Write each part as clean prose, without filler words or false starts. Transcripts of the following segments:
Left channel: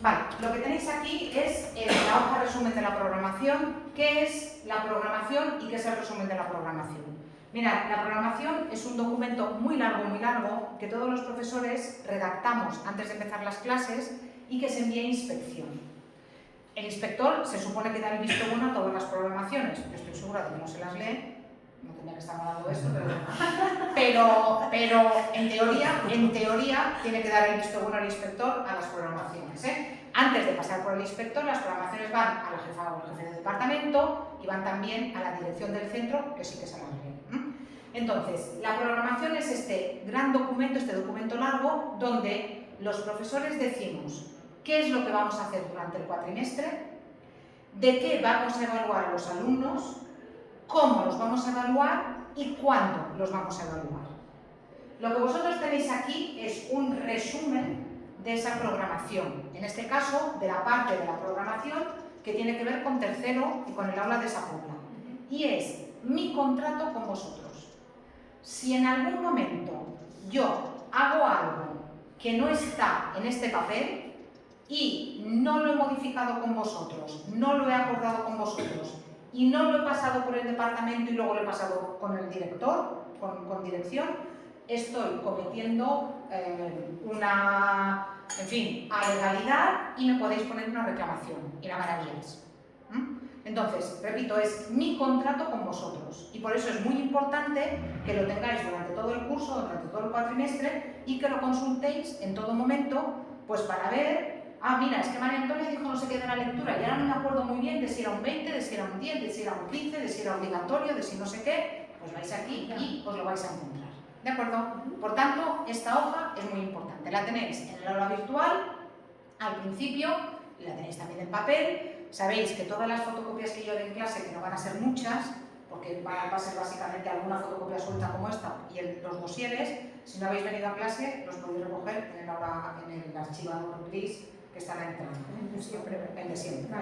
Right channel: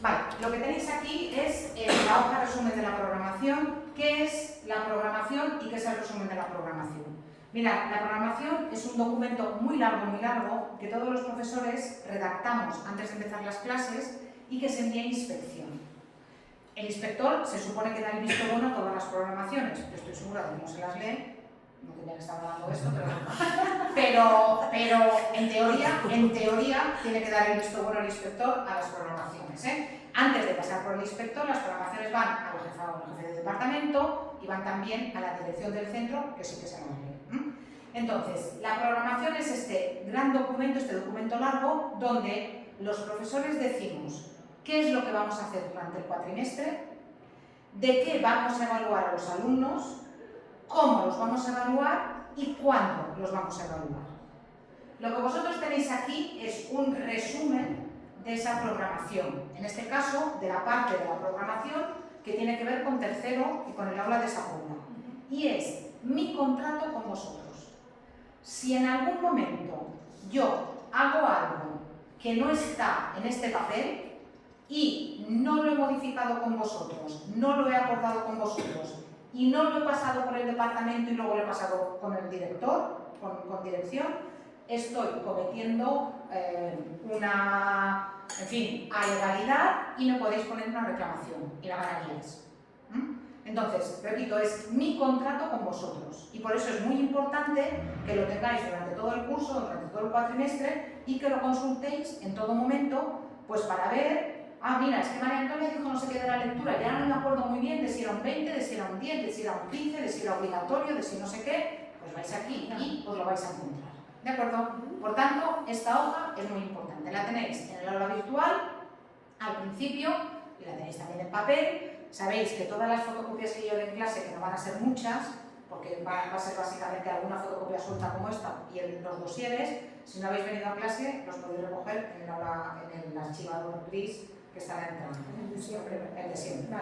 Vale, lo que tenéis aquí es la hoja resumen de la programación. ¿Qué es la programación y qué es el resumen de la programación? Mirad, la programación es un documento muy largo, que todos los profesores redactamos antes de empezar las clases y que se envía a inspección. El inspector se supone que da el visto bueno a todas las programaciones. Estoy segura de que no se las lee, no tendría que estar hablando esto, pero en teoría tiene que dar el visto bueno al inspector a las programaciones, ¿eh? Antes de pasar por el inspector, las programaciones van a la jefa o al jefe de departamento y van también a la dirección del centro, que sí que se las lee. Entonces, la programación es este gran documento, este documento largo, donde los profesores decimos qué es lo que vamos a hacer durante el cuatrimestre, de qué vamos a evaluar a los alumnos, cómo los vamos a evaluar y cuándo los vamos a evaluar. Lo que vosotros tenéis aquí es un resumen de esa programación, en este caso de la parte de la programación que tiene que ver con tercero y con el aula de Sapobla. Y es mi contrato con vosotros. Si en algún momento yo hago algo que no está en este papel y no lo he modificado con vosotros, no lo he acordado con vosotros y no lo he pasado por el departamento y luego lo he pasado con el director, con dirección, estoy cometiendo una, en fin, alegalidad y me podéis poner una reclamación y la ganaríais. Entonces, repito, es mi contrato con vosotros y por eso es muy importante que lo tengáis durante todo el curso, durante todo el cuatrimestre y que lo consultéis en todo momento, pues para ver, mira, es que María Antonia dijo no sé qué de la lectura y ahora no me acuerdo muy bien de si era un 20, de si era un 10, de si era un 15, de si era obligatorio, de si no sé qué, pues vais aquí y os lo vais a encontrar. ¿De acuerdo? Por tanto, esta hoja es muy importante. La tenéis en el aula virtual, al principio, la tenéis también en papel. Sabéis que todas las fotocopias que yo dé en clase, que no van a ser muchas, porque va a ser básicamente alguna fotocopia suelta como esta y los dosieres, si no habéis venido a clase, los podéis recoger en el archivador gris que está a la entrada, el de siempre.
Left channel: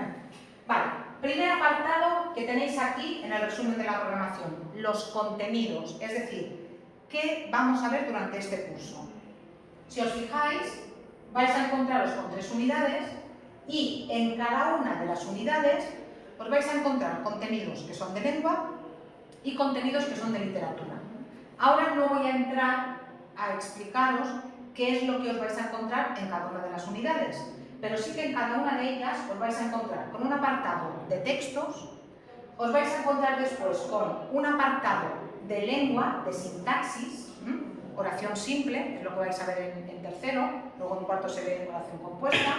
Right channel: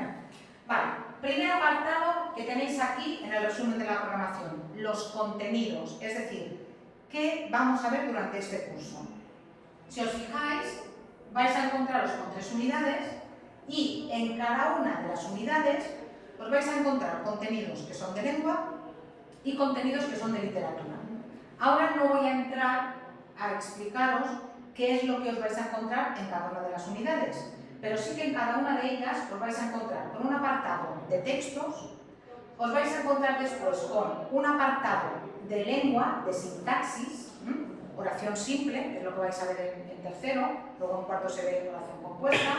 Vale, primer apartado que tenéis aquí en el resumen de la programación, los contenidos, es decir, ¿qué vamos a ver durante este curso? Si os fijáis, vais a encontraros con 3 unidades y en cada una de las unidades os vais a encontrar contenidos que son de lengua y contenidos que son de literatura. Ahora no voy a entrar a explicaros qué es lo que os vais a encontrar en cada una de las unidades, pero sí que en cada una de ellas os vais a encontrar con un apartado de textos, os vais a encontrar después con un apartado de lengua, de sintaxis, oración simple, es lo que vais a ver en tercero, luego en cuarto se ve oración compuesta,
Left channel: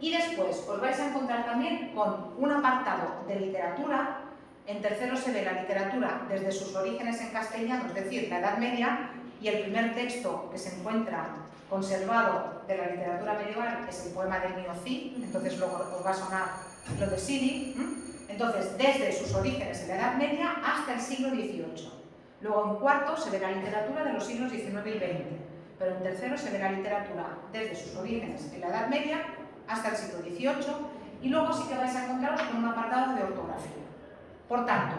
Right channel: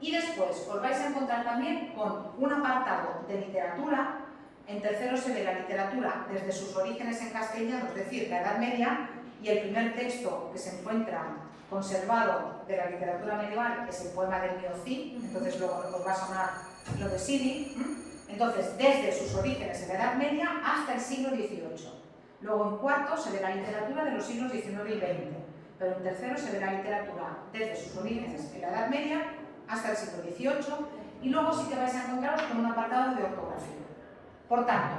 y después os vais a encontrar también con un apartado de literatura. En tercero se ve la literatura desde sus orígenes en castellano, es decir, la Edad Media, y el primer texto que se encuentra conservado de la literatura medieval es el poema del Mío Cid, entonces luego os va a sonar lo de Sidi. Entonces, desde sus orígenes en la Edad Media hasta el siglo XVIII. Luego en cuarto se ve la literatura de los siglos XIX y XX, pero en tercero se ve la literatura desde sus orígenes en la Edad Media hasta el siglo XVIII y luego sí que vais a encontraros con un apartado de ortografía. Por tanto,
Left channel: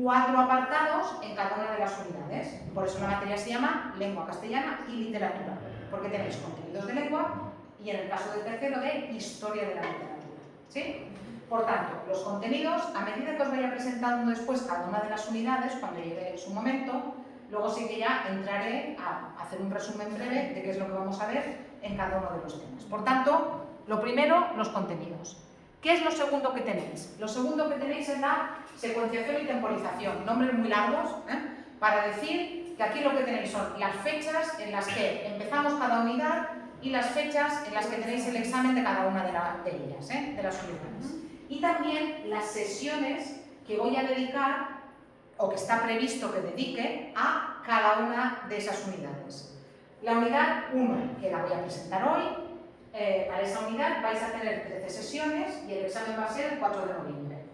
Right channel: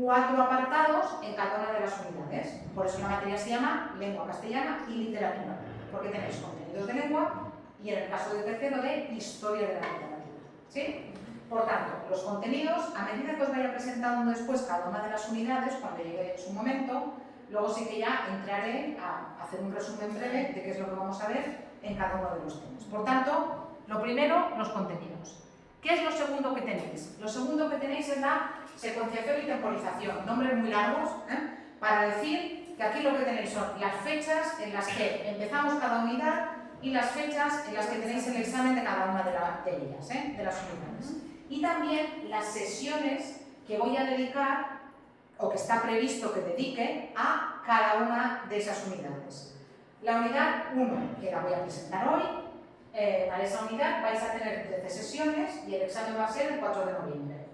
4 apartados en cada una de las unidades. Por eso la materia se llama lengua castellana y literatura, porque tenéis contenidos de lengua y en el caso del tercero de historia de la literatura. ¿Sí? Por tanto, los contenidos, a medida que os vaya presentando después cada una de las unidades, cuando llegue su momento, luego sí que ya entraré a hacer un resumen breve de qué es lo que vamos a ver en cada uno de los temas. Por tanto, lo primero, los contenidos. ¿Qué es lo segundo que tenéis? Lo segundo que tenéis es la secuenciación y temporización, nombres muy largos, para decir que aquí lo que tenéis son las fechas en las que empezamos cada unidad y las fechas en las que tenéis el examen de cada una de ellas, de las unidades. Y también las sesiones que voy a dedicar, o que está previsto que dedique, a cada una de esas unidades. La unidad 1, que la voy a presentar hoy, para esa unidad vais a tener 13 sesiones y el examen va a ser el 4 de noviembre.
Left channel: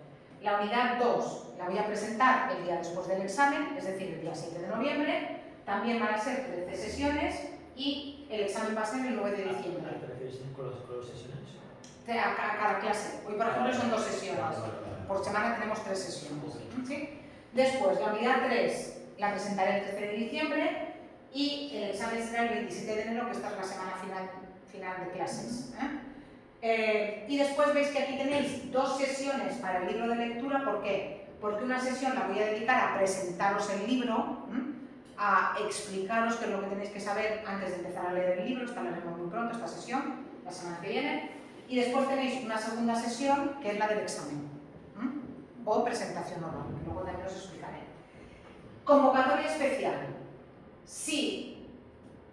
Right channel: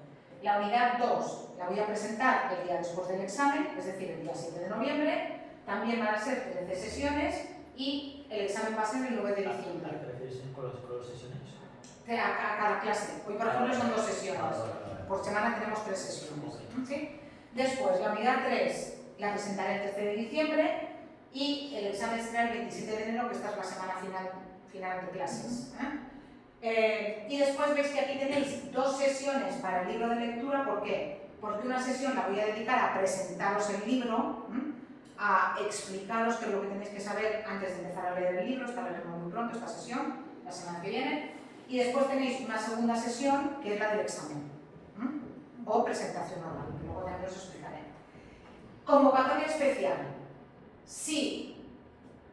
La unidad 2 la voy a presentar el día después del examen, es decir, el día 7 de noviembre. También van a ser 13 sesiones y el examen va a ser el 9 de diciembre. ¿Te refieres por las sesiones? A cada clase. Hoy, por ejemplo, son 2 sesiones. Por semana tenemos 3 sesiones. ¿Sí? Después, la unidad 3 la presentaré el 13 de diciembre y el examen será el 27 de enero, que esta es la semana final de clases. Y después veis que aquí tenéis 2 sesiones para el libro de lectura. ¿Por qué? Porque una sesión la voy a dedicar a presentaros el libro, a explicaros qué es lo que tenéis que saber antes de empezar a leer el libro. Esta la haremos muy pronto, esta sesión, la semana que viene. Y después tenéis una segunda sesión, que es la del examen, o presentación oral, que luego también os explicaré. Convocatoria especial. Si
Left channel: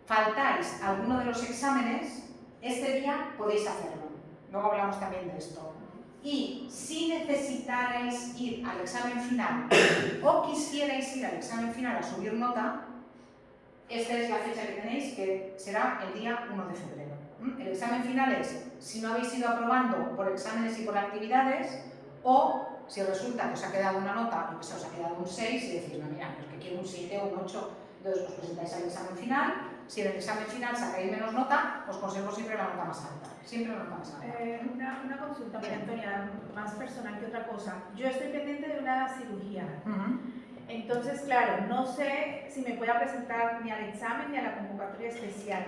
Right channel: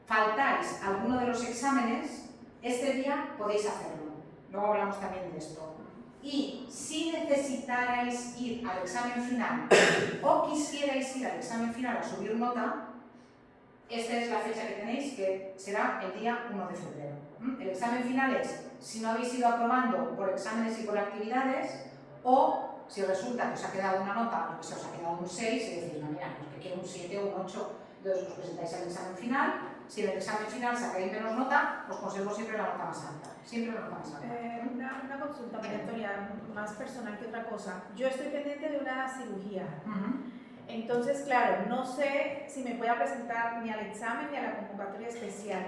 faltáis a alguno de los exámenes, este día podéis hacerlo. Luego hablamos también de esto. Y si necesitarais ir al examen final o quisierais ir al examen final a subir nota, esta es la fecha que tenéis, que será el día 1 de febrero. El examen final es si no habéis ido aprobando por exámenes y por actividades, o si resulta que os ha quedado una nota, lo que sea, os ha quedado un 6 y decís, no, mira, pues que quiero un 7 o un 8, entonces os presentáis al examen final. Si en el examen final sacáis menos nota, os conservo siempre la nota más alta. Siempre la nota más alta. Una consulta, María Antonia, más personal que otra cosa. Yo estoy pendiente de una cirugía. Entonces, claro, no sé si me puedo presentar ni al examen ni a la convocatoria especial.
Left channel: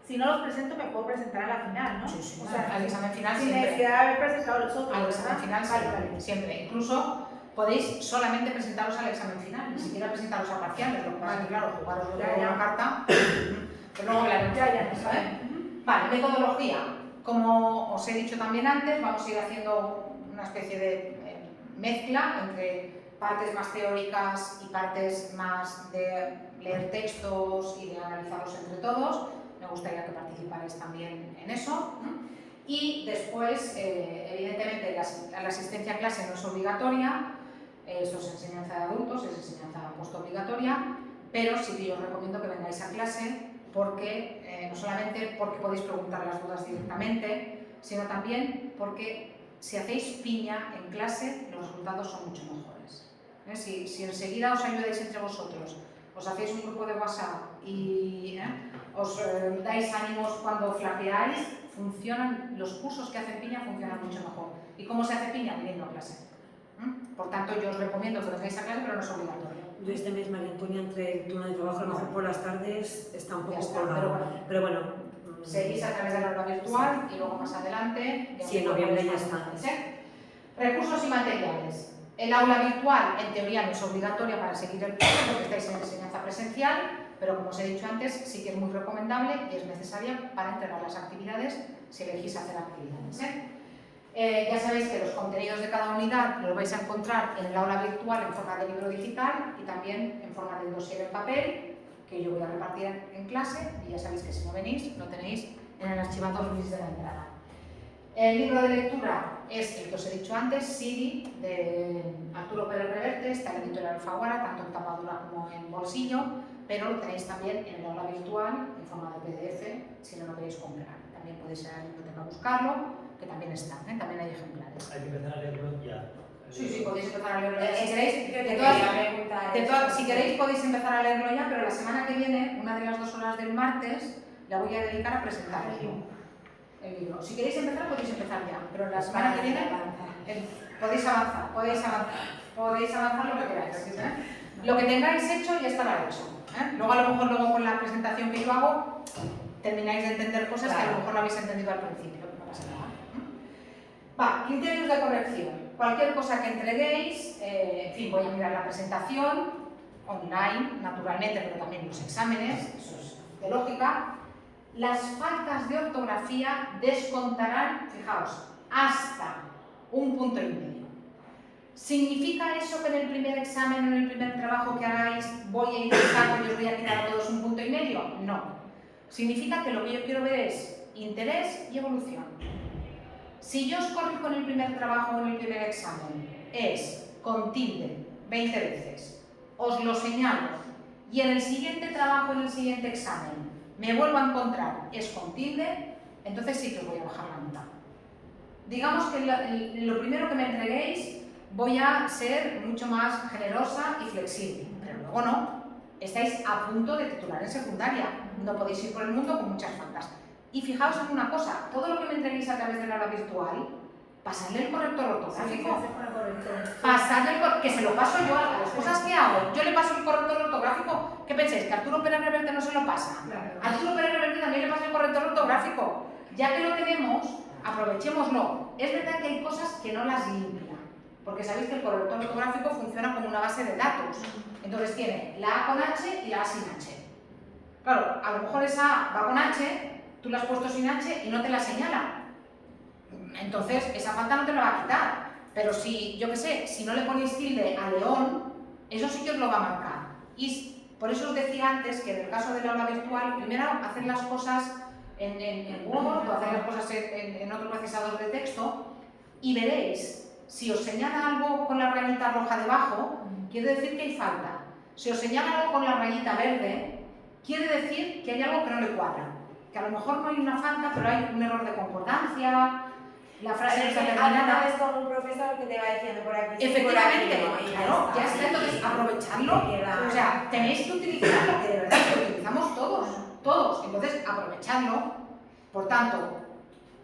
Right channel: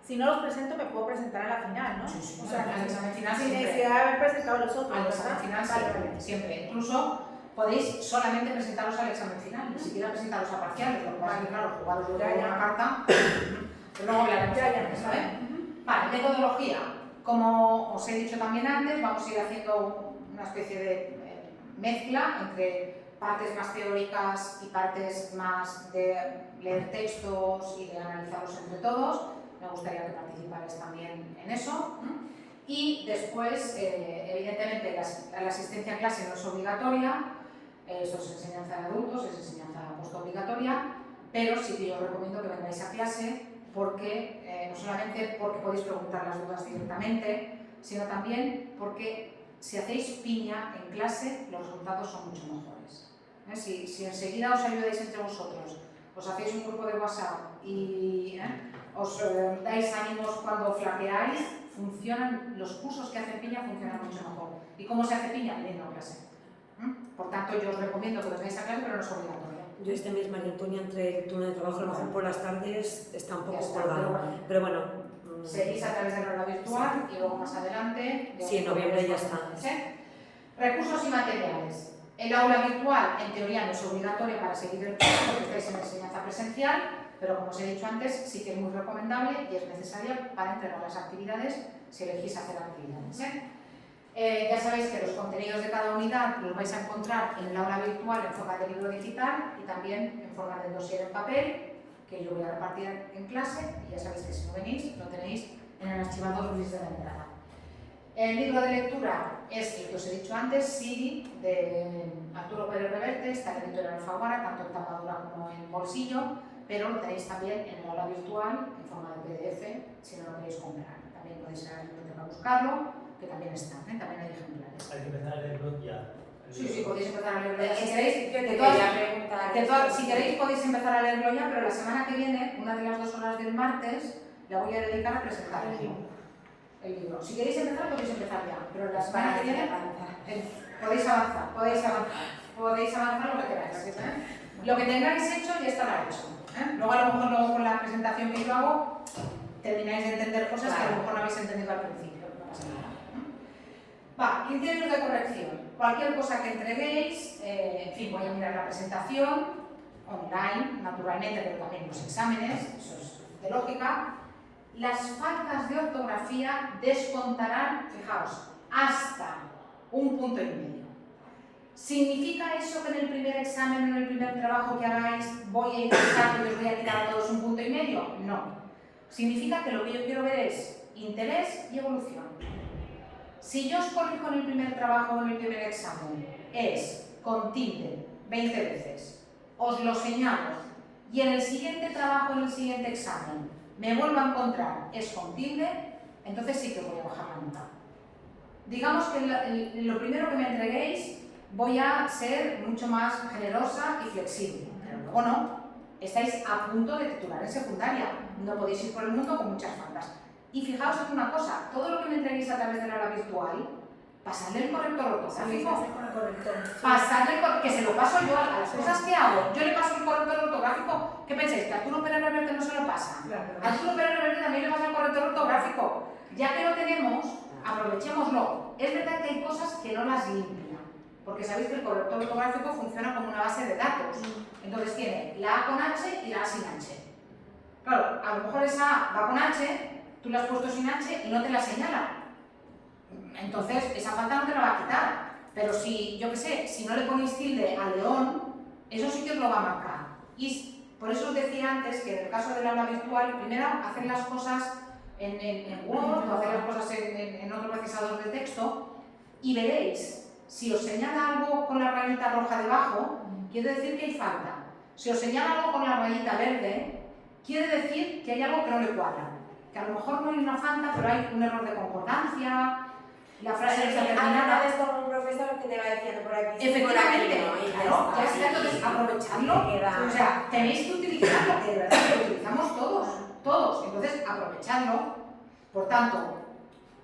Si no los presento, me puedo presentar a la final, ¿no? Sí, sí, o sea, al examen final sin siempre. necesidad de haber presentado los otros. Al examen final siempre, siempre. Incluso podéis solamente presentaros al examen final, ni siquiera presentaros a parciales. Lo que pasa es que, claro, jugaros luego una carta, pero luego hablaremos de eso, ¿eh? Vale, metodología. Como os he dicho también antes, vamos a ir haciendo una especie de mezcla entre partes más teóricas y partes más de leer textos y de analizarlos entre todos. Me gustaría que participarais también en eso. Y después, evidentemente, la asistencia a clase no es obligatoria, eso es enseñanza de adultos, es enseñanza postobligatoria, pero sí que yo os recomiendo que vengáis a clase porque, no solamente porque podéis preguntar las dudas directamente, sino también porque si hacéis piña en clase, los resultados son mucho mejores. Si enseguida os ayudáis entre vosotros, os hacéis un grupo de WhatsApp y os dais ánimos cuando flaqueáis, los cursos que hacen piña funcionan mucho mejor. ¿Y cómo se hace piña? Viniendo a clase. Por tanto, yo os recomiendo que vengáis a clase, pero no es obligatorio. Yo este mes, María Antonia, entre el turno de trabajo, a lo mejor por las tardes, está un poco está, colgado. Pero bueno, seguís a través de la hora virtual y luego más adelante... Sí, en noviembre ya está. Recursos y materiales. El aula virtual, en teoría, no es obligatoria para seguir el curso porque estáis en enseñanza presencial, pero como os he dicho antes, sí que es muy recomendable y es necesaria para entregar las actividades si elegís hacer actividades. Ya sabéis que los contenidos de cada unidad los vais a encontrar en el aula virtual en forma de libro digital y también en forma de dossier en papel, que yo voy a repartir en clase, y ya sabéis que si no venís, lo tenéis en el archivador Luis de la entrada. El libro de lectura es el que os he dicho antes, Siri, de Arturo Pérez Reverte, está en la editorial Alfaguara, tanto en tapadura como en bolsillo, pero lo tenéis también en el aula virtual en forma de PDF, si no lo queréis comprar. También podéis ir a la biblioteca a buscarlo, que también está, también hay ejemplares. Hay que empezar a leerlo ya. Sí, podéis empezar a leerlo ya. Si queréis, si queréis podéis empezar a leerlo ya, pero la semana que viene, una de las 2 horas del martes, la voy a dedicar a presentarlo, el libro. Si queréis empezar, podéis empezar ya, pero la semana que viene podéis avanzar lo que queráis. Lo que tengáis hecho ya estará hecho. Luego a lo mejor con la presentación que yo hago, termináis de entender cosas que a lo mejor no habéis entendido al principio, no pasa nada. Criterios de corrección. Cualquier cosa que entreguéis, en fin, voy a mirar la presentación, online, naturalmente, pero también los exámenes, eso es de lógica. Las faltas de ortografía descontarán, fijaos, hasta 1,5 puntos. ¿Significa eso que en el primer examen o en el primer trabajo que hagáis voy a ir al saco y os voy a quitar a todos 1,5 puntos? No. Significa que lo que yo quiero ver es interés y evolución. Si yo os corrijo en el primer trabajo o en el primer examen, es con tilde 20 veces, os lo señalo, y en el siguiente trabajo, en el siguiente examen, me vuelvo a encontrar, es con tilde, entonces sí que os voy a bajar la nota. Digamos que lo primero que me entreguéis voy a ser mucho más generosa y flexible, pero luego no. Estáis a punto de titular en secundaria, no podéis ir por el mundo con muchas faltas. Y fijaos en una cosa, todo lo que me entreguéis a través de la aula virtual, pasadle el corrector ortográfico. Que se lo paso yo a las cosas que hago. Yo le paso el corrector ortográfico. ¿Qué pensáis? ¿Que Arturo Pérez Reverte no se lo pasa? Claro. Arturo Pérez Reverte también le pasa el corrector ortográfico. Ya que lo tenemos, aprovechemos. aprovechémoslo. Es verdad que hay cosas que no las limpia, porque sabéis que el corrector ortográfico funciona como una base de datos. Entonces tiene la A con H y la A sin H. Claro, a lo mejor esa A va con H, tú la has puesto sin H y no te la señala. Entonces, esa falta no te la va a quitar. Pero si, yo qué sé, si no le ponéis tilde a León, eso sí que os lo va a marcar. Y por eso os decía antes que en el caso del aula virtual, primero hacer las cosas en Word o hacer las cosas en otro procesador de texto y veréis, si os señala algo con la rayita roja debajo, quiere decir que hay falta. Si os señala algo con la rayita verde, quiere decir que hay algo que no le cuadra. Que a lo mejor no hay una falta, pero hay un error de concordancia, la frase no está terminada. Es como un profesor que te va diciendo por aquí. Efectivamente, por aquí, claro, ya está, entonces aprovechadlo. O sea, tenéis que utilizarlo, que de verdad lo utilizamos todos. Entonces, aprovechadlo. Por tanto,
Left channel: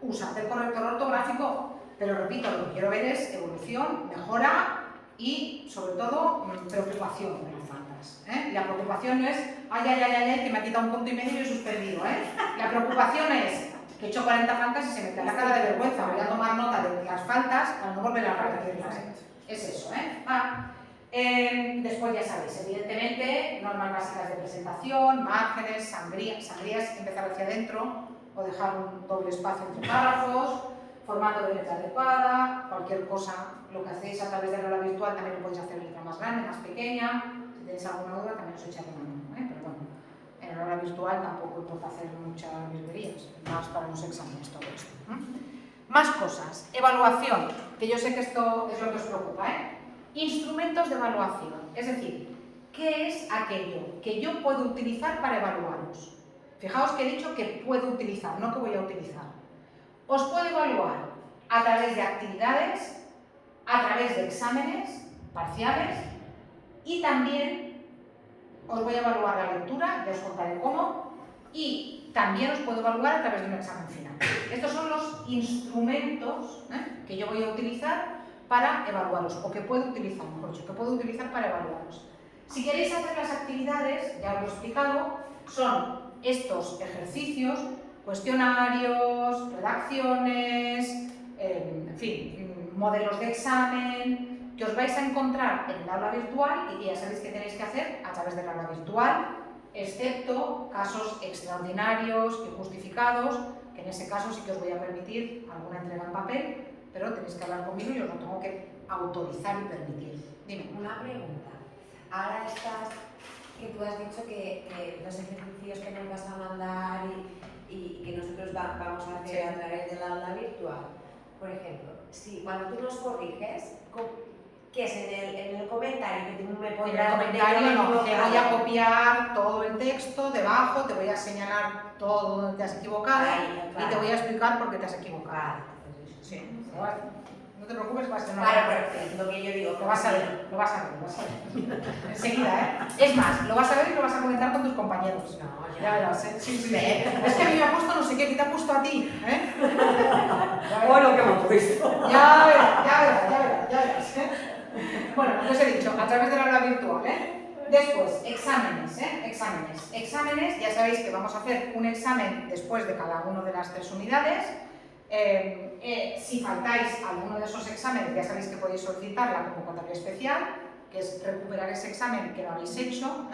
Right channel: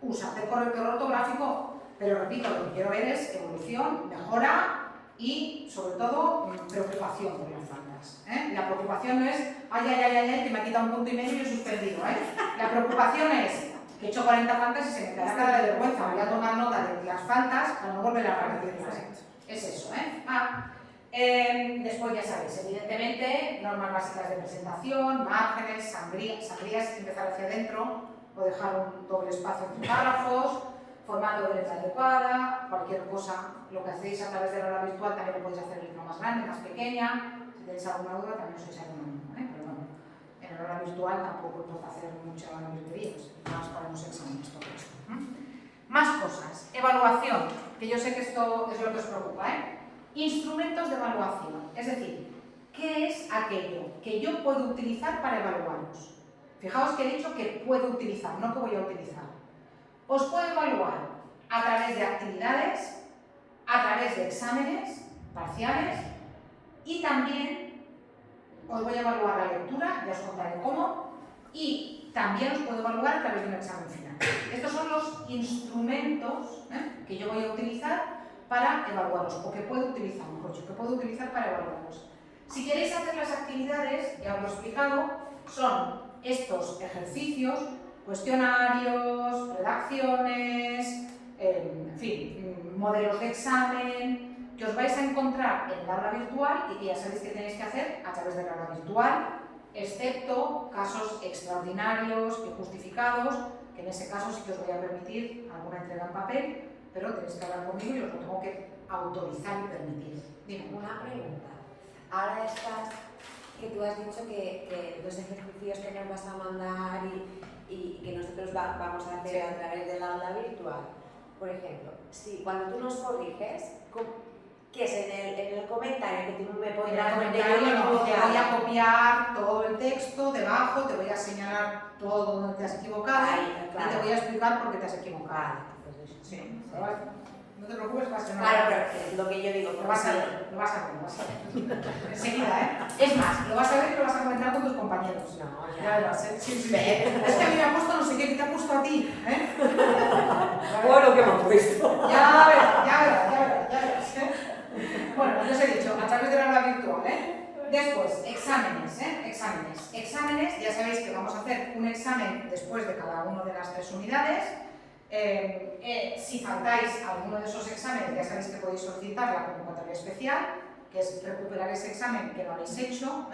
usad el corrector ortográfico, pero repito, lo que quiero ver es evolución, mejora y, sobre todo, preocupación por las faltas. La preocupación no es, ay, que me ha quitado un punto y medio y he suspendido. La preocupación es que he hecho 40 faltas y se me cae la cara de vergüenza, voy a tomar nota de las faltas para no volver a repetirlas. Es eso, después ya sabéis, evidentemente, normas básicas de presentación, márgenes, sangrías, empezar hacia adentro o dejar un doble espacio entre párrafos, formato de letra adecuada, cualquier cosa, lo que hacéis a través de la aula virtual también lo podéis hacer en letra más grande, más pequeña. Si tenéis alguna duda también os echaré una mano, pero bueno, en la aula virtual tampoco importa hacer muchas virguerías, más para los exámenes todo esto. Más cosas, evaluación, que yo sé que esto es lo que os preocupa, Instrumentos de evaluación, es decir, ¿qué es aquello que yo puedo utilizar para evaluaros? Fijaos que he dicho que puedo utilizar, no que voy a utilizar. Os puedo evaluar a través de actividades, a través de exámenes parciales y también os voy a evaluar la lectura, ya os contaré cómo, y también os puedo evaluar a través de un examen final. Estos son los instrumentos que yo voy a utilizar para evaluaros, o que puedo utilizar, mejor dicho, que puedo utilizar para evaluaros. Si queréis hacer las actividades, ya os lo he explicado, son estos ejercicios, cuestionarios, redacciones, en fin, modelos de examen, que os vais a encontrar en el aula virtual y que ya sabéis que tenéis que hacer a través del aula virtual, excepto casos extraordinarios y justificados, que en ese caso sí que os voy a permitir alguna entrega en papel, pero tenéis que hablar conmigo y os lo tengo que autorizar y permitir. Dime. Una pregunta. Ahora estás, que tú has dicho que los ejercicios que nos vas a mandar y que nosotros vamos a hacer a través del aula virtual, por ejemplo, si cuando tú nos corriges, ¿qué es en el comentario que tú me En el pondrás? comentario no, te voy a copiar todo el texto, debajo te voy a señalar todo donde te has equivocado y te voy a explicar por qué te has equivocado. Sí, no te preocupes, vas a tener lo que yo digo, lo vas a ver. Enseguida, Es más, lo vas a ver y lo vas a comentar con tus compañeros. Ya verás, Sí. Es que a mí me ha puesto no sé qué te ha puesto a ti, Bueno, ¿qué me has puesto? Ya verás. Bueno, lo que os he dicho, a través del aula virtual, Después, exámenes, Exámenes, ya sabéis que vamos a hacer un examen después de cada una de las 3 unidades. Si faltáis alguno de esos exámenes, ya sabéis que podéis solicitar la convocatoria especial, que es recuperar ese examen que no habéis hecho.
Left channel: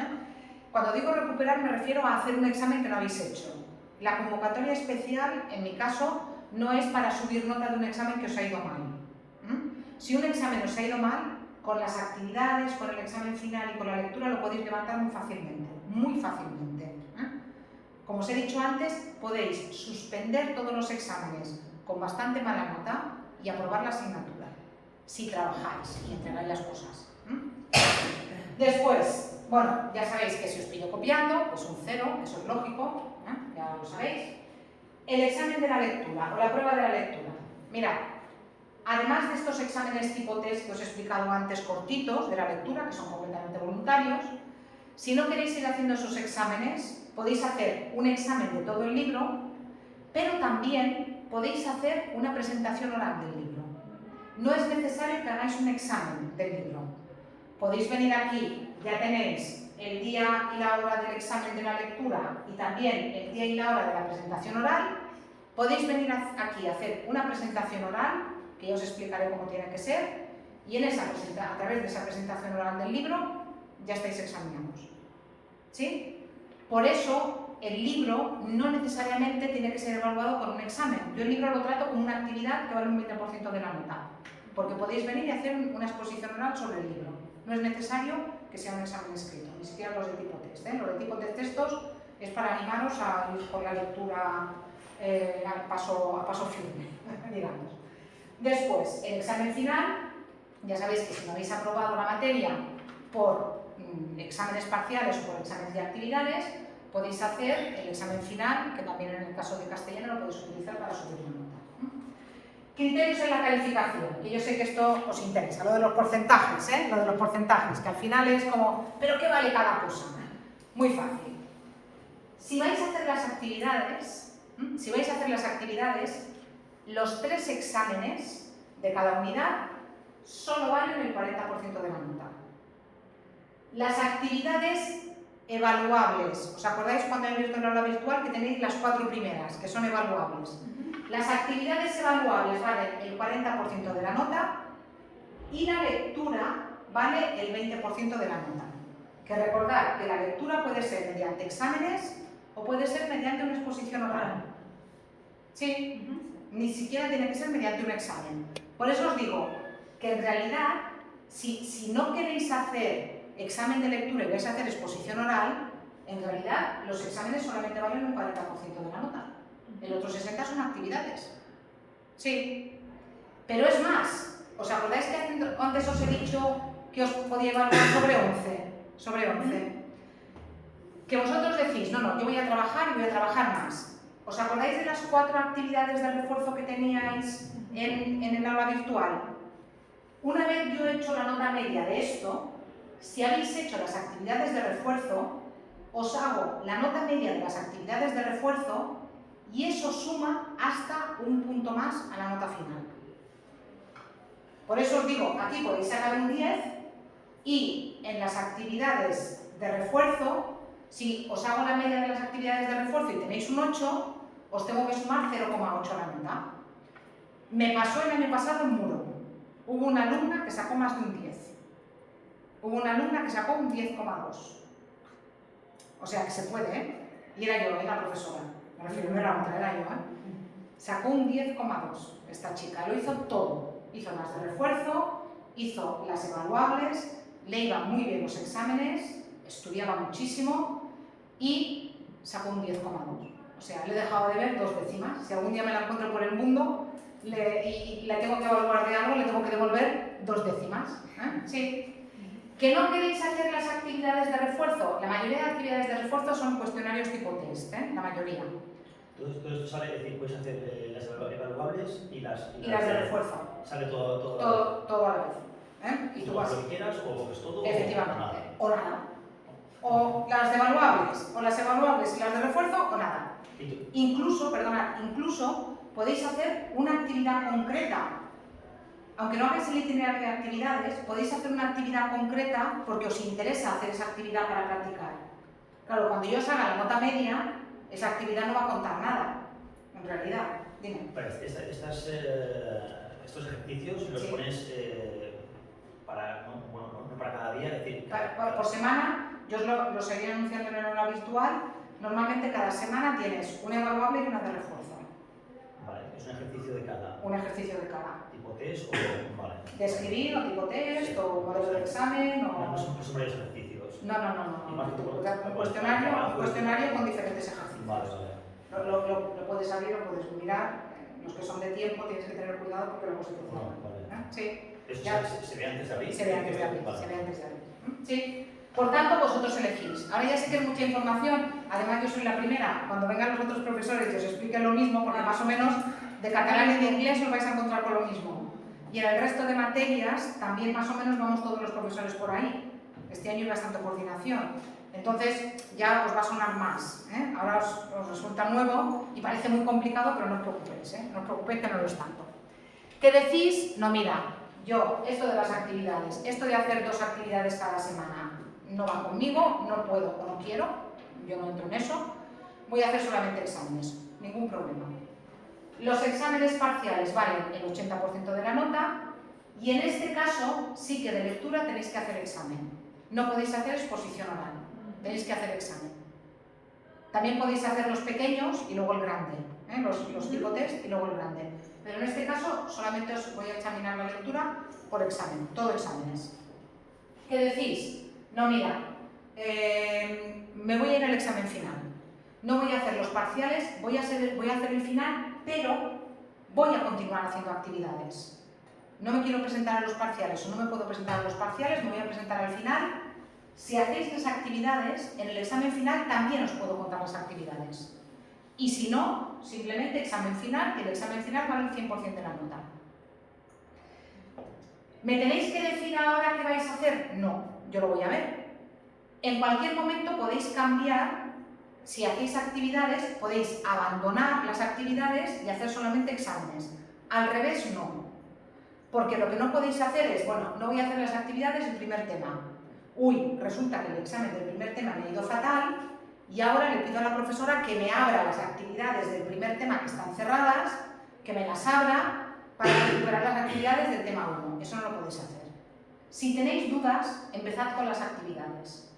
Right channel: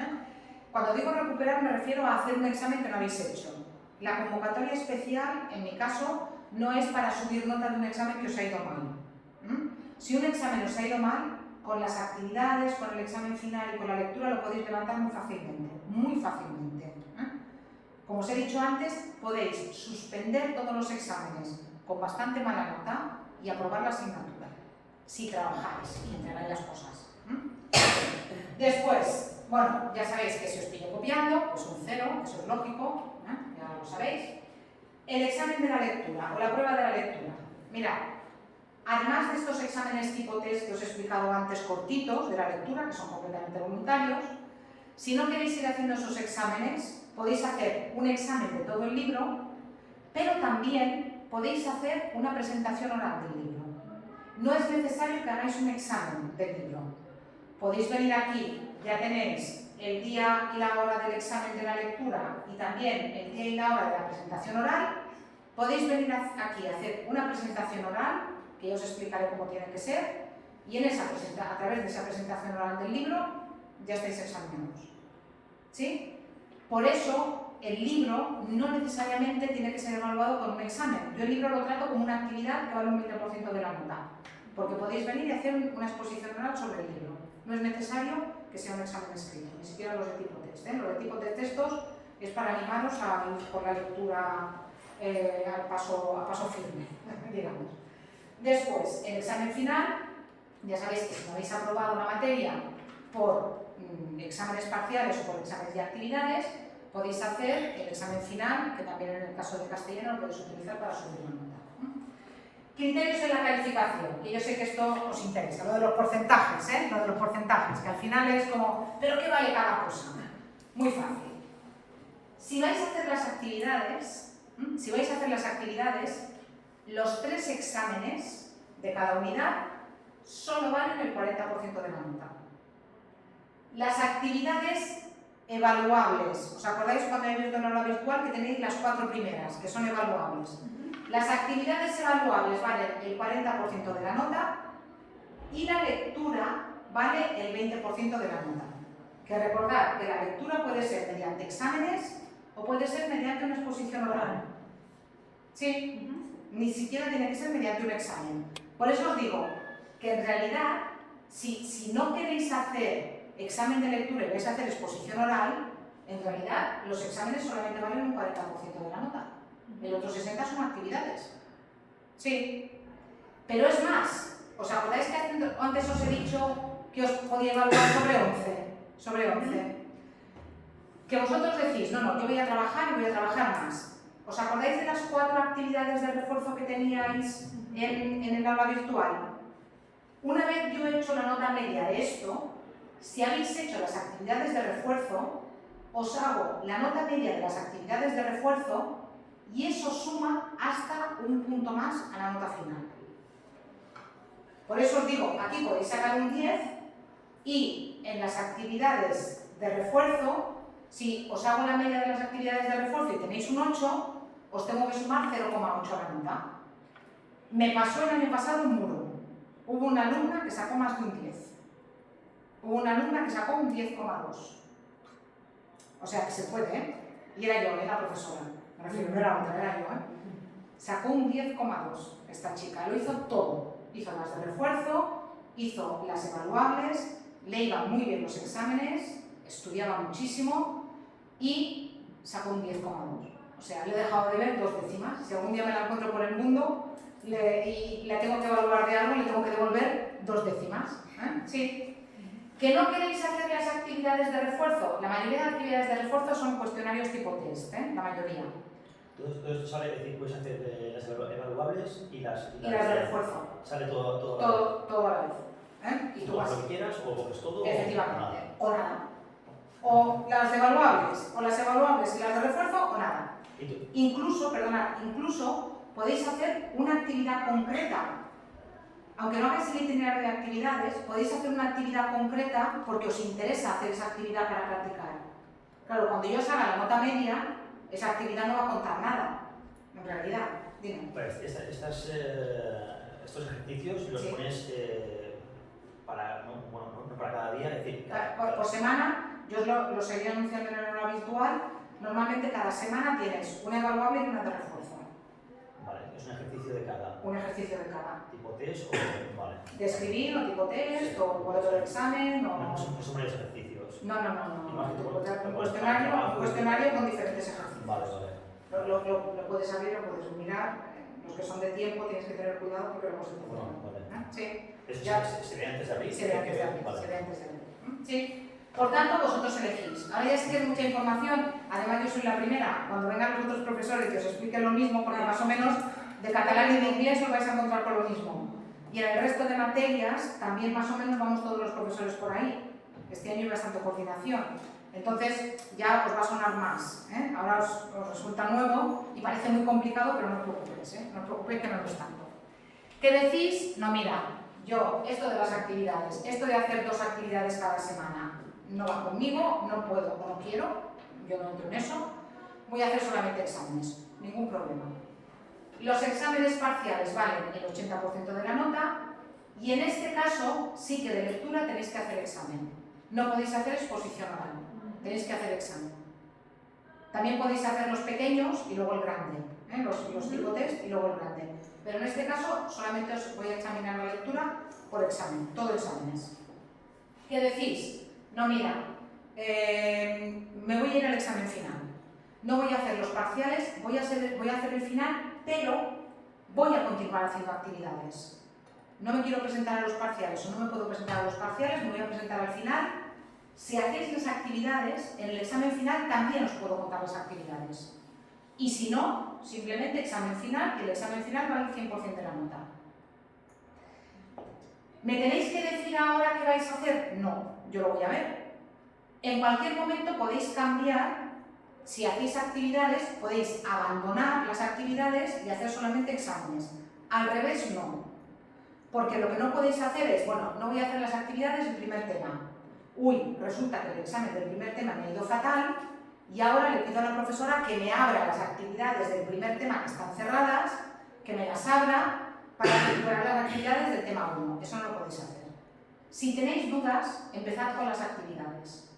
Cuando digo recuperar me refiero a hacer un examen que no habéis hecho. La convocatoria especial, en mi caso, no es para subir nota de un examen que os ha ido mal. Si un examen os ha ido mal, con las actividades, con el examen final y con la lectura lo podéis levantar muy fácilmente. Como os he dicho antes, podéis suspender todos los exámenes con bastante mala nota y aprobar la asignatura, si trabajáis y entregáis las cosas. Después, bueno, ya sabéis que si os pillo copiando, pues un 0, eso es lógico, ya lo sabéis. El examen de la lectura o la prueba de la lectura. Mirad, además de estos exámenes tipo test que os he explicado antes cortitos de la lectura, que son completamente voluntarios, si no queréis ir haciendo esos exámenes, podéis hacer un examen de todo el libro, pero también podéis hacer una presentación oral del libro. No es necesario que hagáis un examen del libro. Podéis venir aquí, ya tenéis el día y la hora del examen de la lectura y también el día y la hora de la presentación oral, podéis venir aquí a hacer una presentación oral, que yo os explicaré cómo tiene que ser, y a través de esa presentación oral del libro ya estáis examinados. ¿Sí? Por eso el libro no necesariamente tiene que ser evaluado con un examen. Yo el libro lo trato como una actividad que vale un 20% de la nota, porque podéis venir y hacer una exposición oral sobre el libro. No es necesario que sea un examen escrito, ni siquiera los de tipo test. Los de tipo test textos es para animaros a ir por la lectura a paso firme, digamos. Después, el examen final, ya sabéis que si no habéis aprobado la materia por exámenes parciales o por exámenes de actividades, podéis hacer el examen final, que también en el caso de castellano lo podéis utilizar para subir la nota. Criterios en la calificación, que yo sé que esto os interesa, lo de los porcentajes, lo de los porcentajes, que al final es como, ¿pero qué vale cada cosa? Muy fácil. Si vais a hacer las actividades, los 3 exámenes de cada unidad solo valen el 40% de la nota. Las actividades evaluables, ¿os acordáis cuando habéis visto el aula virtual que tenéis las 4 primeras, que son evaluables? Las actividades evaluables valen el 40% de la nota y la lectura vale el 20% de la nota. Que recordad que la lectura puede ser mediante exámenes o puede ser mediante una exposición oral. Sí, ni siquiera tiene que ser mediante un examen. Por eso os digo que en realidad, si no queréis hacer examen de lectura y vais a hacer exposición oral, en realidad los exámenes solamente valen un 40% de la nota. El otro 60% son actividades. Sí, pero es más. ¿Os acordáis que antes os he dicho que os podía evaluar sobre 11? Sobre 11. Que vosotros decís, no, yo voy a trabajar y voy a trabajar más. ¿Os acordáis de las 4 actividades de refuerzo que teníais en el aula virtual? Una vez yo he hecho la nota media de esto, si habéis hecho las actividades de refuerzo, os hago la nota media de las actividades de refuerzo y eso suma hasta un punto más a la nota final. Por eso os digo, aquí podéis sacar un 10 y en las actividades de refuerzo, si os hago la media de las actividades de refuerzo y tenéis un 8, os tengo que sumar 0,8 a la nota. Me pasó el año pasado en Muro. Hubo una alumna que sacó más de un 10. Hubo una alumna que sacó un 10,2. O sea que se puede, ¿eh? Y era yo, la profesora. Me refiero, no era otra, era yo, ¿eh? Sacó un 10,2 esta chica. Lo hizo todo. Hizo las de refuerzo, hizo las evaluables, le iban muy bien los exámenes, estudiaba muchísimo y sacó un 10,2. O sea, le he dejado de ver 2 décimas. Si algún día me la encuentro por el mundo y le tengo que evaluar de algo, le tengo que devolver 2 décimas. Sí. ¿Que no queréis hacer las actividades de refuerzo? La mayoría de actividades de refuerzo son cuestionarios tipo test, la mayoría. Todo esto sale, es decir, puedes hacer las evaluables y las de refuerzo. Sale todo a la vez. Y tú vas. Lo que quieras o es todo Efectivamente. O nada. O las evaluables y las de refuerzo o nada. Incluso podéis hacer una actividad concreta. Aunque no hagáis el itinerario de actividades, podéis hacer una actividad concreta porque os interesa hacer esa actividad para practicar. Claro, cuando yo os haga la nota media, esa actividad no va a contar nada, en realidad. Dime. Estos ejercicios los pones no para cada día, es decir... Por semana, yo os lo seguiré anunciando en el aula virtual. Normalmente cada semana tienes una evaluable y una de refuerzo. Vale, es un ejercicio de cada. Un ejercicio de cada. ¿Tipo test o...? Vale. De escribir o tipo test o modelo de examen o... No, son varios ejercicios. No. Un cuestionario con diferentes ejercicios. Vale. Lo puedes abrir o puedes mirar. Los que son de tiempo tienes que tener cuidado porque luego se te cierran. Vale. Sí. ¿Eso se ve antes de abrir? Se ve antes de abrir. Sí. Por tanto, vosotros elegís. Ahora ya sé que es mucha información. Además, yo soy la primera. Cuando vengan los otros profesores y os expliquen lo mismo, porque más o menos de catalán y de inglés os vais a encontrar con lo mismo. Y en el resto de materias también más o menos vamos todos los profesores por ahí. Este año hay bastante coordinación. Entonces ya os va a sonar más. Ahora os resulta nuevo y parece muy complicado, pero no os preocupéis. No os preocupéis que no lo es tanto. ¿Qué decís? No, mira, yo esto de las actividades, esto de hacer 2 actividades cada semana, no va conmigo, no puedo o no quiero, yo no entro en eso, voy a hacer solamente exámenes, ningún problema. Los exámenes parciales valen el 80% de la nota y en este caso sí que de lectura tenéis que hacer examen. No podéis hacer exposición oral, tenéis que hacer examen. También podéis hacer los pequeños y luego el grande, los tipo test y luego el grande. Pero en este caso solamente os voy a examinar la lectura por examen, todo exámenes. ¿Qué decís? No, mira, me voy a ir al examen final. No voy a hacer los parciales, voy a hacer el final, pero voy a continuar haciendo actividades. No me quiero presentar a los parciales o no me puedo presentar a los parciales, me voy a presentar al final. Si hacéis las actividades, en el examen final también os puedo contar las actividades. Y si no, simplemente examen final, y el examen final vale el 100% de la nota. ¿Me tenéis que decir ahora qué vais a hacer? No, yo lo voy a ver. En cualquier momento podéis cambiar, si hacéis actividades, podéis abandonar las actividades y hacer solamente exámenes. Al revés, no. Porque lo que no podéis hacer es, bueno, no voy a hacer las actividades del primer tema. Uy, resulta que el examen del primer tema me ha ido fatal y ahora le pido a la profesora que me abra las actividades del primer tema que están cerradas, que me las abra para recuperar las actividades del tema 1. Eso no lo podéis hacer. Si tenéis dudas, empezad con las actividades.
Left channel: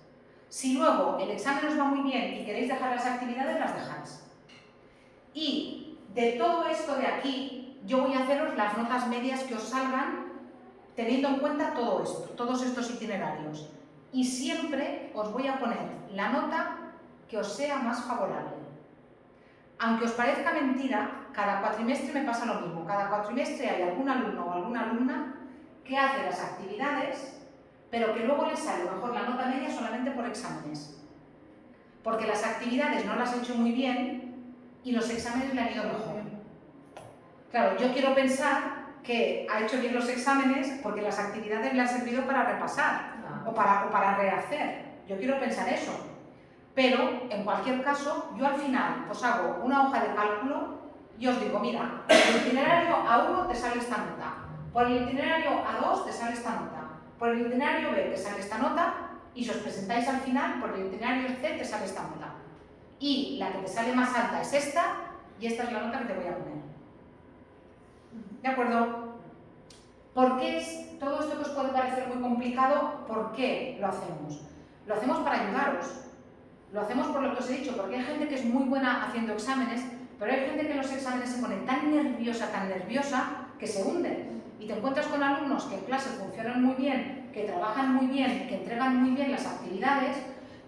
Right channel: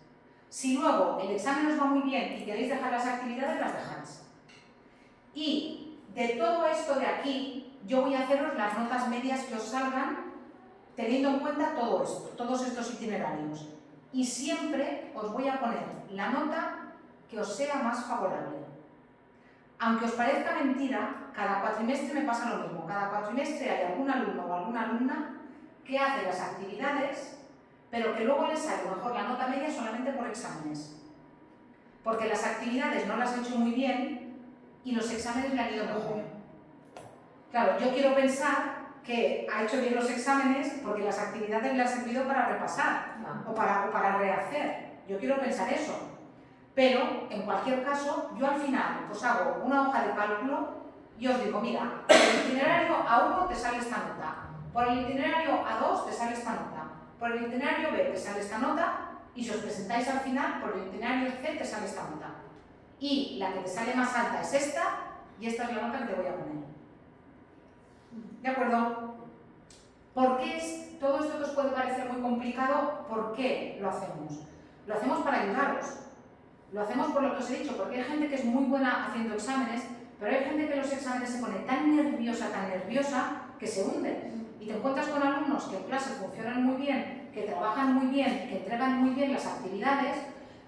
Si luego el examen os va muy bien y queréis dejar las actividades, las dejáis. Y de todo esto de aquí, yo voy a haceros las notas medias que os salgan teniendo en cuenta todo esto, todos estos itinerarios. Y siempre os voy a poner la nota que os sea más favorable. Aunque os parezca mentira, cada cuatrimestre me pasa lo mismo. Cada cuatrimestre hay algún alumno o alguna alumna que hace las actividades, pero que luego les sale mejor la nota media solamente por exámenes. Porque las actividades no las ha hecho muy bien y los exámenes le han ido mejor. Claro, yo quiero pensar que ha hecho bien los exámenes porque las actividades le han servido para repasar o para rehacer. Yo quiero pensar eso. Pero, en cualquier caso, yo al final os hago una hoja de cálculo y os digo, mira, por el itinerario A1 te sale esta nota, por el itinerario A2 te sale esta nota, por el itinerario B te sale esta nota y si os presentáis al final, por el itinerario C te sale esta nota. Y la que te sale más alta es esta y esta es la nota que te voy a poner. ¿De acuerdo? ¿Por qué es todo esto que os puede parecer muy complicado? ¿Por qué lo hacemos? Lo hacemos para ayudaros. Lo hacemos por lo que os he dicho, porque hay gente que es muy buena haciendo exámenes, pero hay gente que los exámenes se pone tan nerviosa, que se hunde. Y te encuentras con alumnos que en clase funcionan muy bien, que trabajan muy bien, que entregan muy bien las actividades,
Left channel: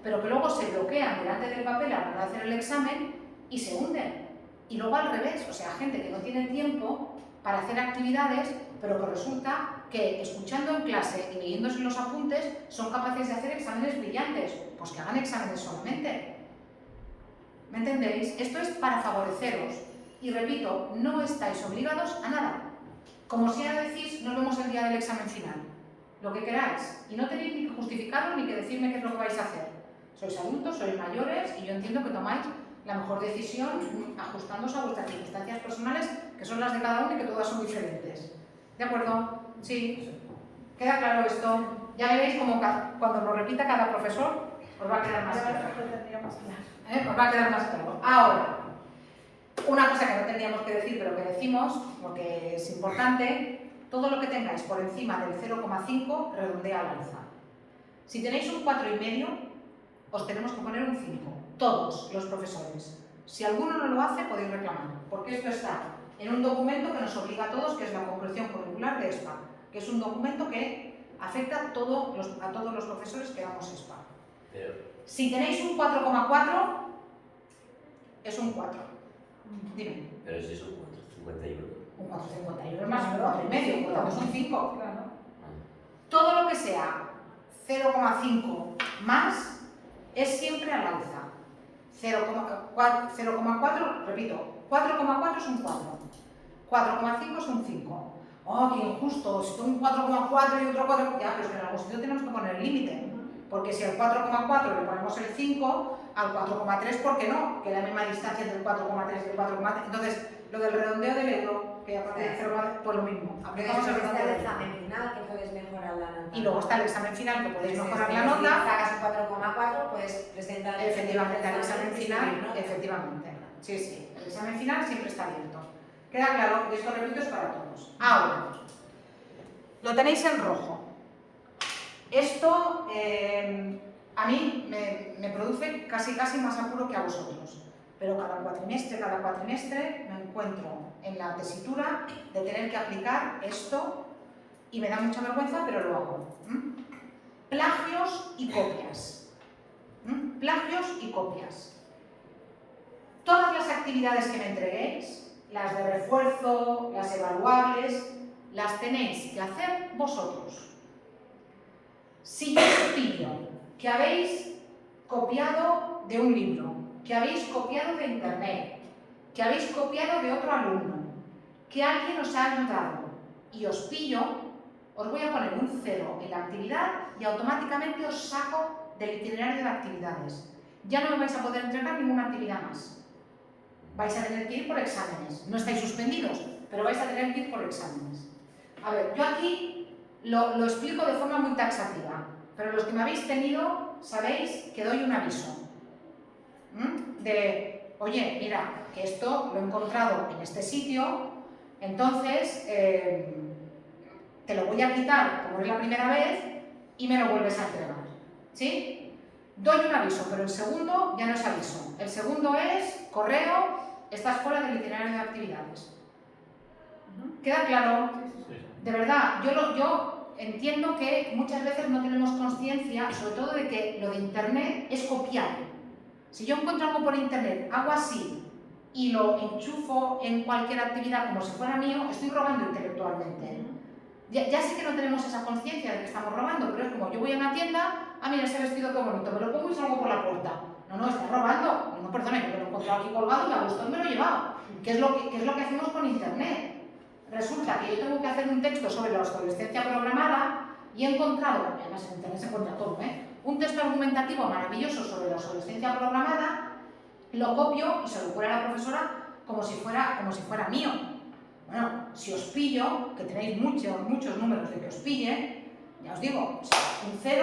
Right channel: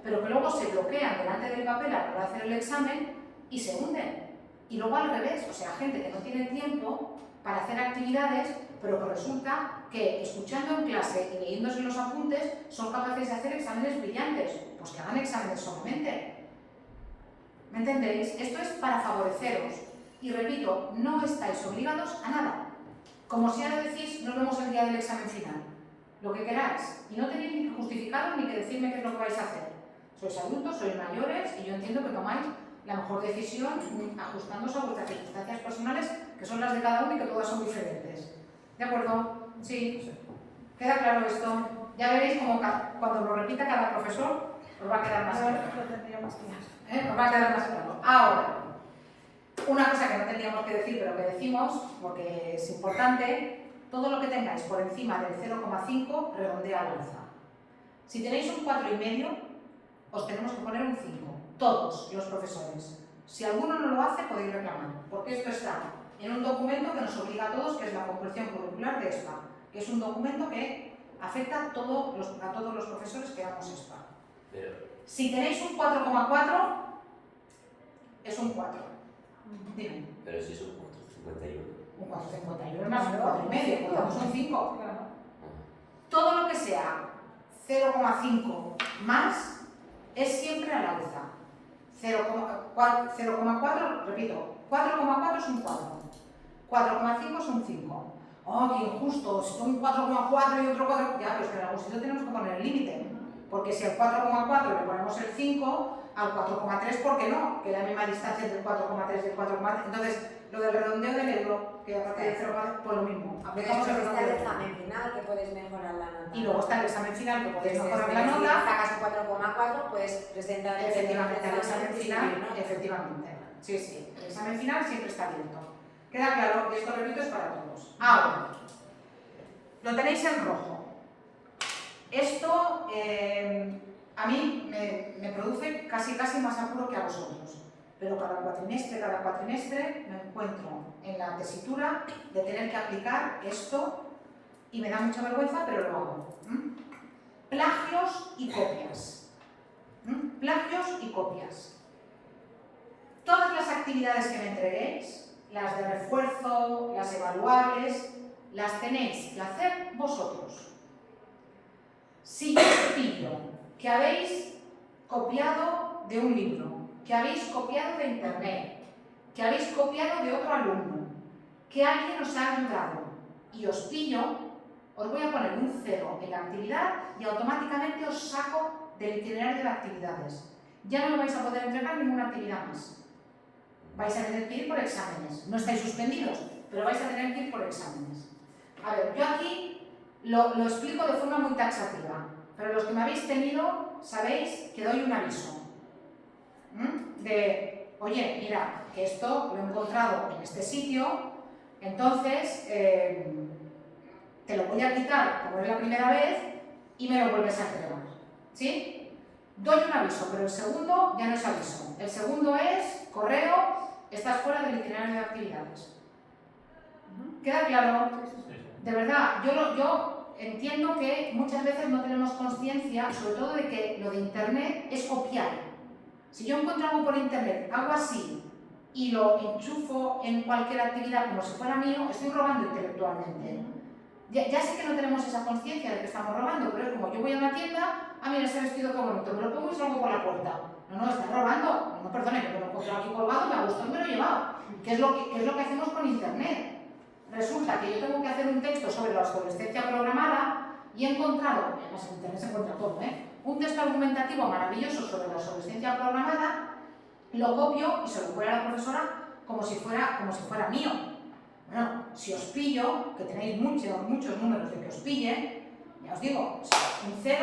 pero que luego se bloquean delante del papel a la hora de hacer el examen y se hunden. Y luego al revés, o sea, gente que no tiene tiempo para hacer actividades, pero que resulta que escuchando en clase y leyéndose los apuntes son capaces de hacer exámenes brillantes. Pues que hagan exámenes solamente. ¿Me entendéis? Esto es para favoreceros. Y repito, no estáis obligados a nada. Como si ahora decís, nos vemos el día del examen final. Lo que queráis. Y no tenéis ni que justificaros ni que decirme qué es lo que vais a hacer. Sois adultos, sois mayores y yo entiendo que tomáis la mejor decisión ajustándose a vuestras circunstancias personales, que son las de cada uno y que todas son diferentes. ¿De acuerdo? Sí. ¿Queda claro esto? Ya veréis como cuando lo repita cada profesor, os va a quedar más claro. Os va a quedar más claro. Ahora, una cosa que no teníamos que decir, pero que decimos, porque es importante, todo lo que tengáis por encima del 0,5 redondea al alza. Si tenéis un 4,5, os tenemos que poner un 5. Todos los profesores. Si alguno no lo hace, podéis reclamar, porque esto está en un documento que nos obliga a todos, que es la concreción curricular de ESPA, que es un documento que afecta a todos los profesores que damos ESPA. Si tenéis un 4,4, es un 4. Dime. Pero si es un 4,51. Un 4,51 es más un 4,5, por tanto son 5. Todo lo que sea 0,5 más es siempre al alza. 0,4, repito, 4,4 es un 4. 4,5 es un 5. ¡Oh, qué injusto! Si tengo un 4,4 y otro 4... Ya, pero es que en algún sitio tenemos que poner el límite. Porque si al 4,4 le ponemos el 5, al 4,3, ¿por qué no? Que es la misma distancia entre el 4,3 y el 4,3. Entonces, lo del redondeo del euro, que a partir del 0,4, pues lo mismo. Aplicamos el redondeo del euro. Está el examen final, que puedes mejorar la nota. Y luego está el examen final, que podéis mejorar la nota. Si sacas un 4,4, pues presentar... Efectivamente, al examen final, efectivamente. Sí, sí, el examen final siempre está abierto. ¿Queda claro? Y esto, repito, es para todos. Ahora, lo tenéis en rojo. Esto a mí me produce casi más apuro que a vosotros. Pero cada cuatrimestre me encuentro en la tesitura de tener que aplicar esto y me da mucha vergüenza, pero lo hago. Plagios y copias. Plagios y copias. Todas las actividades que me entreguéis, las de refuerzo, las evaluables, las tenéis que hacer vosotros. Si yo os pillo que habéis copiado de un libro, que habéis copiado de internet, que habéis copiado de otro alumno, que alguien os ha ayudado y os pillo, os voy a poner un 0 en la actividad y automáticamente os saco del itinerario de actividades. Ya no me vais a poder entregar ninguna actividad más. Vais a tener que ir por exámenes. No estáis suspendidos, pero vais a tener que ir por exámenes. A ver, yo aquí lo explico de forma muy taxativa, pero los que me habéis tenido sabéis que doy un aviso. De, oye, mira, que esto lo he encontrado en este sitio, entonces te lo voy a quitar como es la primera vez y me lo vuelves a entregar. ¿Sí? Doy un aviso, pero el segundo ya no es aviso. El segundo es correo, estás fuera del itinerario de actividades. ¿Queda claro? De verdad, yo entiendo que muchas veces no tenemos conciencia, sobre todo de que lo de internet es copiar. Si yo encuentro algo por internet, hago así y lo enchufo en cualquier actividad como si fuera mío, estoy robando intelectualmente. Ya sé que no tenemos esa conciencia de que estamos robando, pero es como yo voy a una tienda, mira ese vestido qué bonito, me lo pongo y salgo por la puerta. No, estás robando. No, perdone, yo me lo he encontrado aquí colgado, me ha gustado y me lo he llevado. ¿Qué es lo que hacemos con internet? Resulta que yo tengo que hacer un texto sobre la obsolescencia programada y he encontrado, además en internet se encuentra todo, un texto argumentativo maravilloso sobre la obsolescencia programada, lo copio y se lo pongo a la profesora como si fuera mío. Bueno, si os pillo, que tenéis muchos números de que os pillen, ya os digo, un 0